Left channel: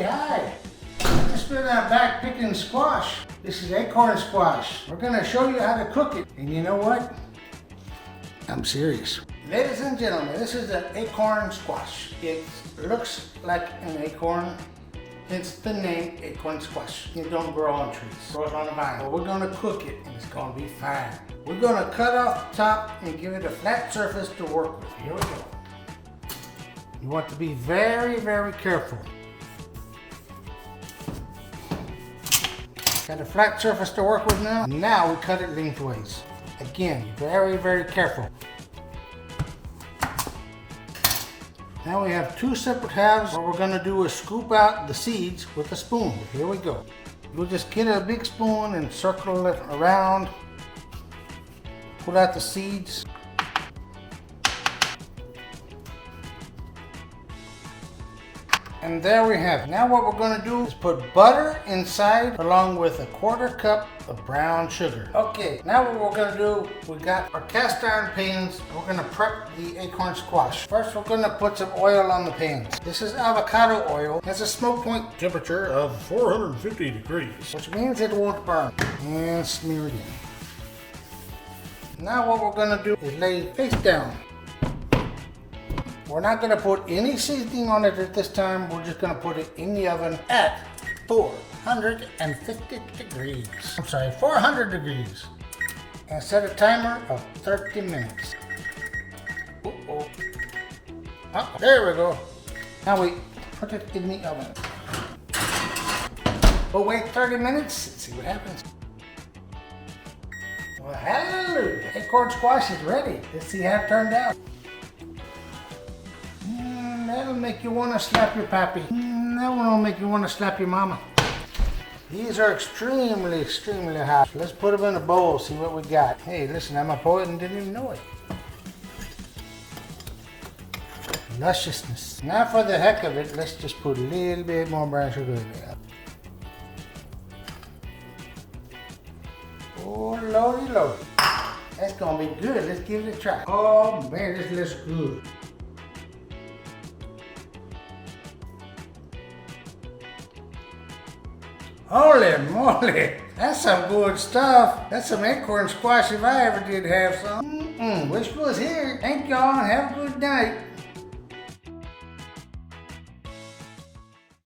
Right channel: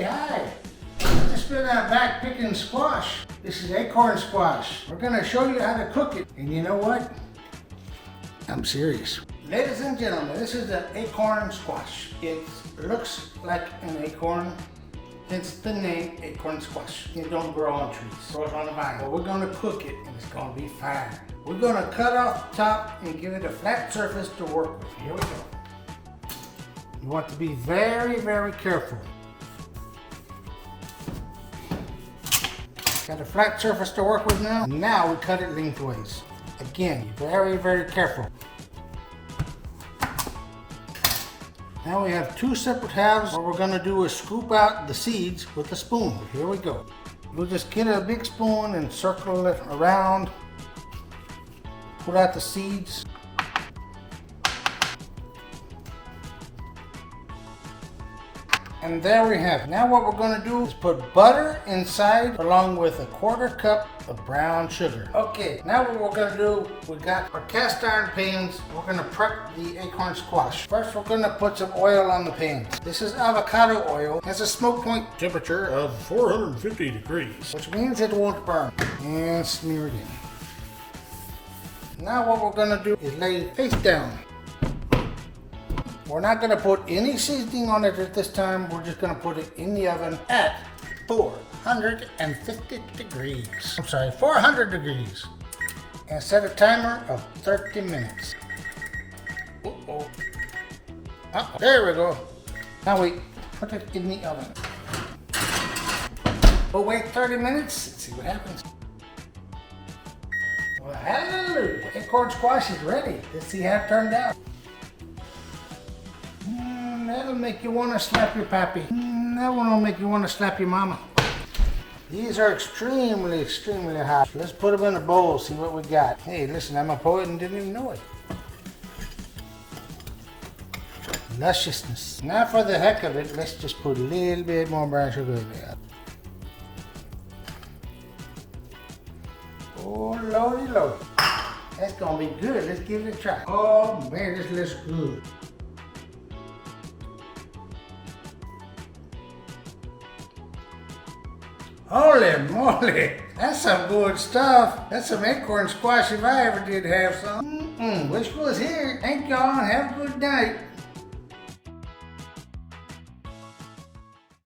Hey, hi. I just been back picking squash. This is acorn squash. We're gonna show you how to cook it. And you know what? I'm serious. Ladies and gentlemen, this is an acorn squash. It looks like an acorn. Hence the name acorn squash. It don't grow on trees. It grows on a vine. But we're gonna cook it and it's gonna be fine. We're gonna cut off the top and give it a flat surface to work with. Here we go. You want to be very, very careful. Got a flat surface to work with now. Now we cut it lengthways. Again, very, very careful. Now we have two separate halves. What we're gonna do is scoop out the seeds with a spoon. Here we go. We'll just get a big spoon and circle it around. Pull out the seeds. And there we have it. Now what we're going to do is put butter inside along with a 1/4 cup of brown sugar. Okay, now what we're going to do, we got our cast iron pans. We're going to prep the acorn squash. First we're going to put some oil on the pans. This is avocado oil. It has a smoke point temperature of 450 degrees, which means it won't burn. And smear it in. Now what we're going to do is lay it face down. We're not going to put any seasoning on it at this time. We're just going to put it in the oven at 450 degrees. I'm sorry, 400 degrees. And set a timer of 30 minutes. Oh, there we go. Now we put it in the oven. We'll wait 30 minutes and see what happens. Well, hallelujah. Acorn squash is ready. Let's see how it turned out. That'll make you want to slap your pappy. That one will make you want to slap your mama. These are extremely, extremely hot. Let's put them in a bowl, see what we got. Hey, listen, I'm a poet and didn't even know it. Lusciousness. Now for the heck of it, let's just put a little bit more brown sugar in there. Oh, lordy, lordy. That's gonna be good. Let's give it a try. Oh man, this looks good. Holy moly, that's some good stuff. That's some acorn squash if I ever did have some. Wish was here. Thank y'all and have a good night.